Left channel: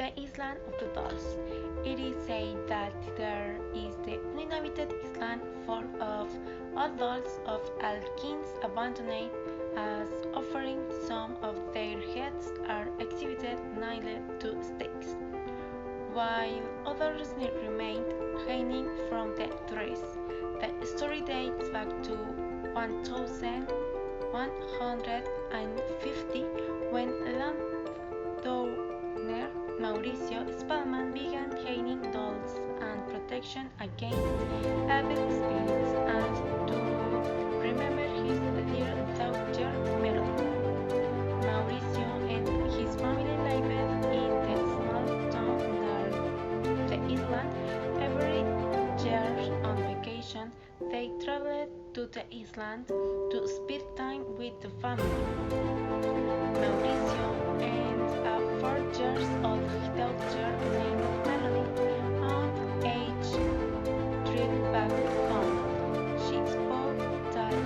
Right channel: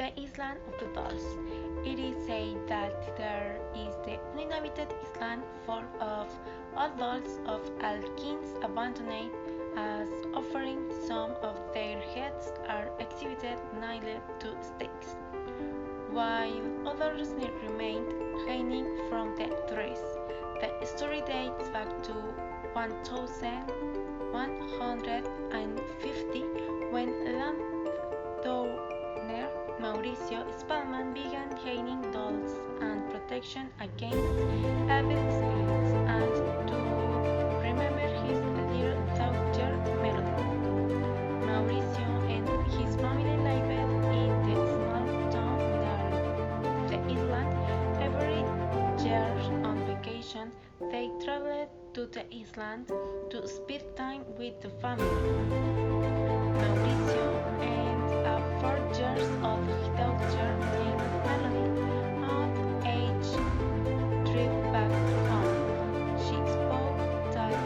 The island of the dolls. It is said that there is the uninhabited island full of old dolls of all kinds abandoned as offering. Some of their heads are exhibited nailed to stakes, while others remain hanging from the trees. The story dates back to 1150 when landowner Mauricio Spellman began hanging dolls and protection against evil spirits and to remember his little daughter Melody. Mauricio and his family lived in the small town near the island. Every year on vacation, they traveled to the island to spend time with the family. Mauricio and a 4-year-old daughter named Melody on each trip back home. She spoke that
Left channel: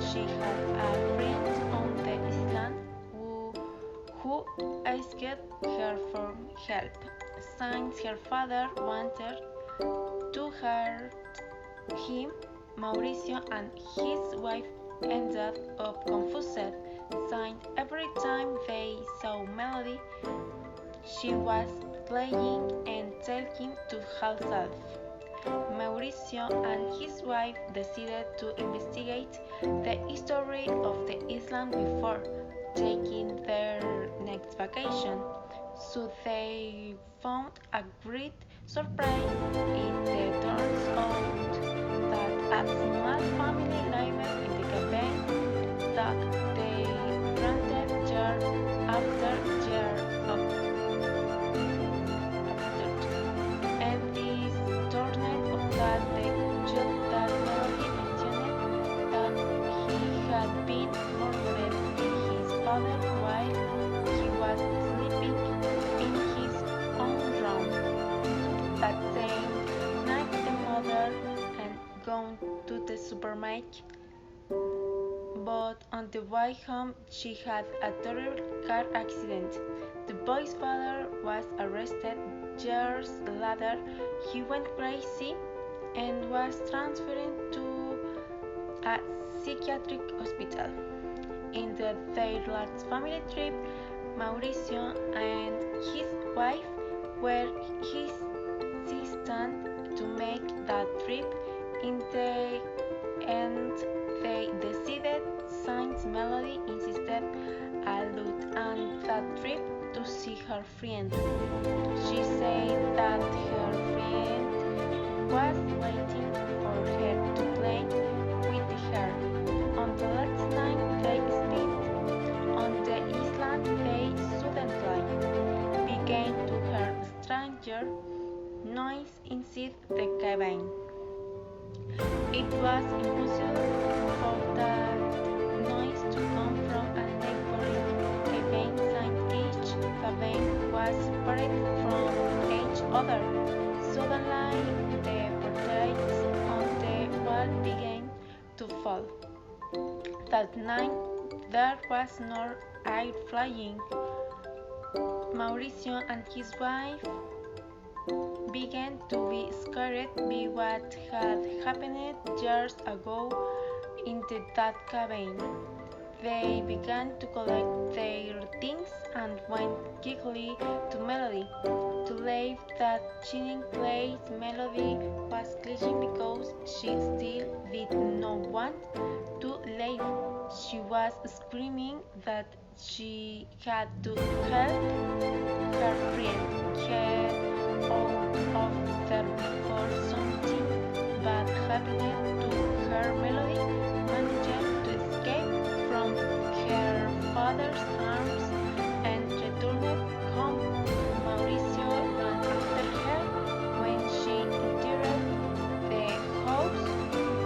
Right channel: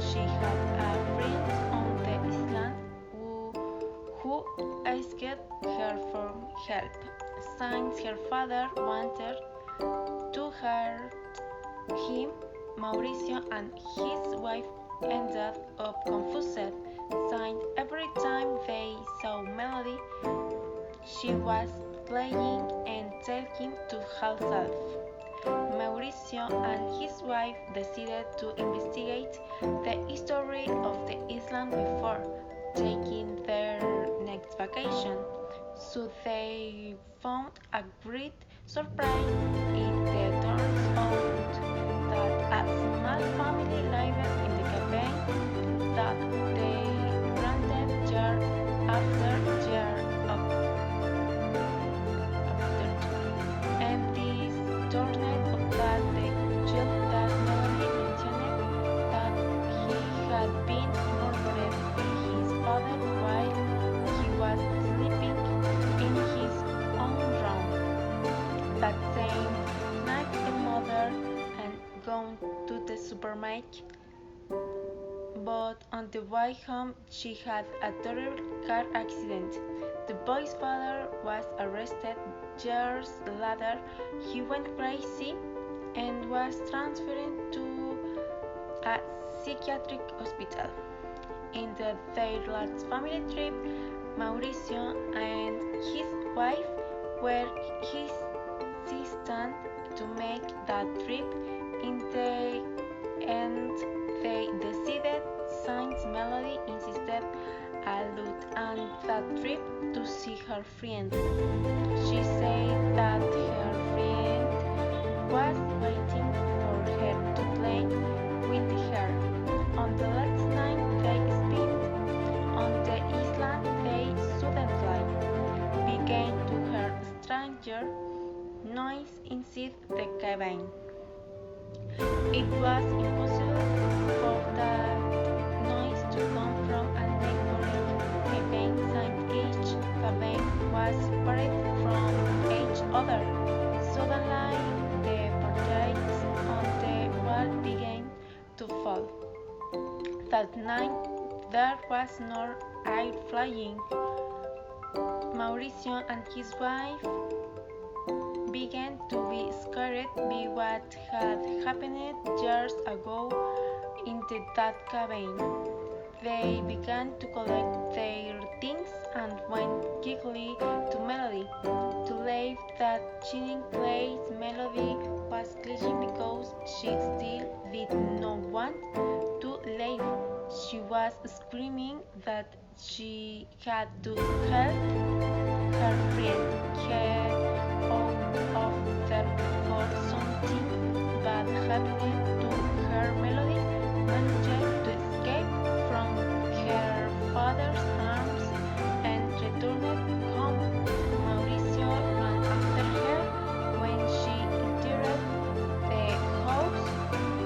she had a friend on the island who asked her for help, since her father wanted to hurt him. Mauricio and his wife ended up confused, since every time they saw Melody, she was playing and talking to herself. Mauricio and his wife decided to investigate the history of the island before taking their next vacation, so they found a great surprise. It turns out that a small family lived in the cabin that they rented year after year after, and this turned out that the child that Melody mentioned that he had been murdered by his father while he was sleeping in his own room. That same night, the mother had gone to the supermarket, but on the way home she had a terrible car accident. The boy's father was arrested. Years later, he went crazy and was transferred to a psychiatric hospital. In their last family trip, Mauricio and his wife were hesitant to make that trip. In the end, they decided, since Melody insisted a lot on that trip, to see her friend. She said that her friend was waiting for her to play with her. On the last night they spent on the island, they suddenly began to hear stranger noise inside the cabin. It was impossible for that noise to come from a neighboring cabin, since each cabin was separate from each other. Suddenly, the portraits on the wall began to fall. That night, there was no air flying. Mauricio and his wife began to be scared by what had happened years ago in that cabin. They began to collect their things and went quickly to Melody to leave that chilling place. Melody was crying because she still did not want to leave. She was screaming that she had to help her friend get out of there before something bad happened to her. Melody managed to escape from her father's arms and returned home. Mauricio ran after her when she entered the house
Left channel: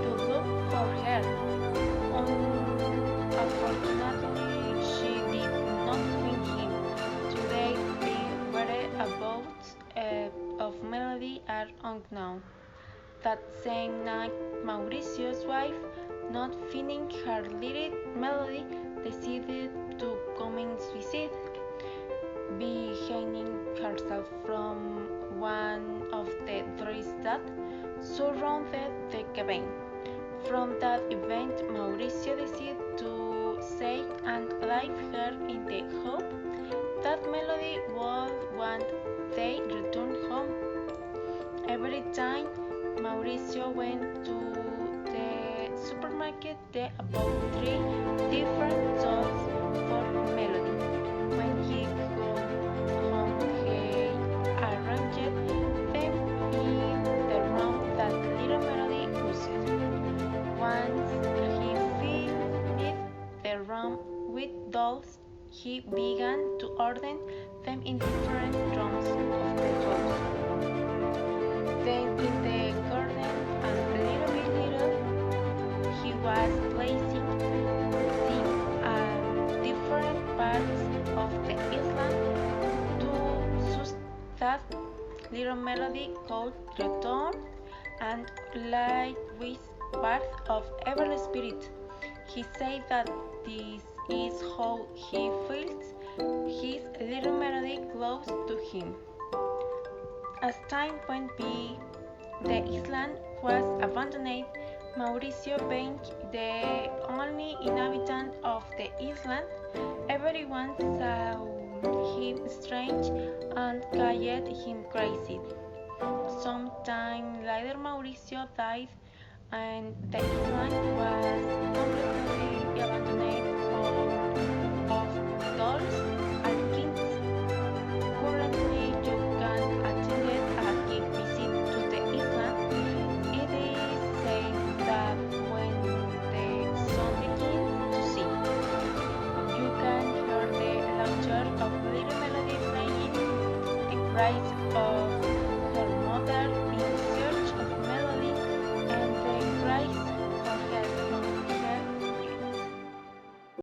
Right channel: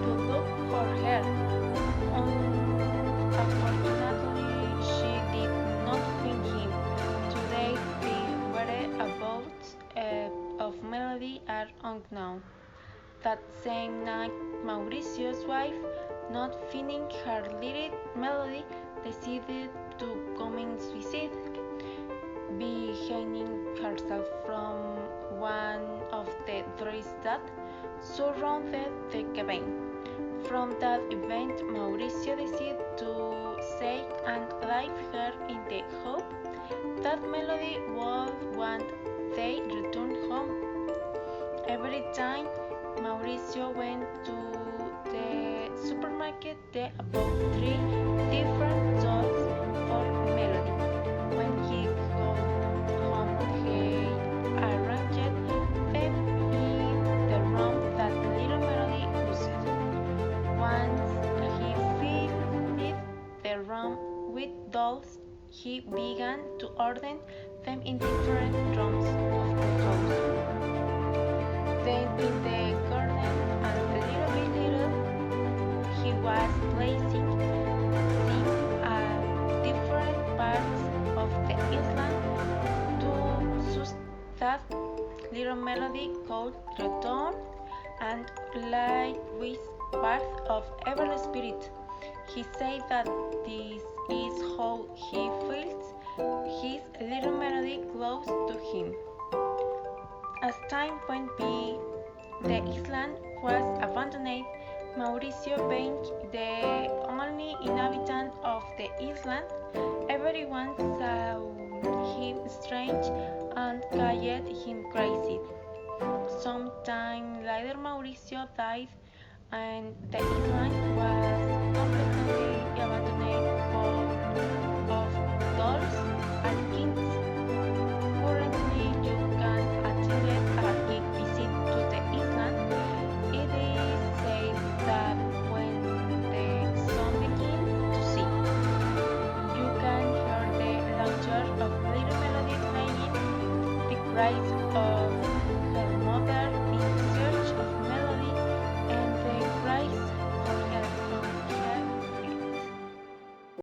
to look for her. Unfortunately, she did not find him. Today, the whereabouts of Melody are unknown. That same night, Mauricio's wife, not finding her little Melody, decided to commit suicide by hanging Parcial from one of the trees that surrounded the cabin. From that event, Mauricio decided to save and leave her in the hope that Melody would one day return home. Every time Mauricio went to the supermarket, there bought 3 different dolls for Melody. When he got home, he arranged them in the room that little Melody used. Once he filled the room with dolls, he began to order them in different rooms of the house. Then in the garden, and little by little, he was placing them at different parts of the island to that little Melody could return and live with part of evil spirit. He said that this is how he feels his little Melody close to him. As time went by, the island was abandoned. Mauricio being the only inhabitant of the island, everyone saw him strange and called him crazy. Sometime later, Mauricio died, and the island was completely abandoned full of dolls and kings. Currently, you can attend a quick visit to the island. It is said that when the sun begins to sink, you can hear the laughter of little Melody playing, the cries of her mother in search of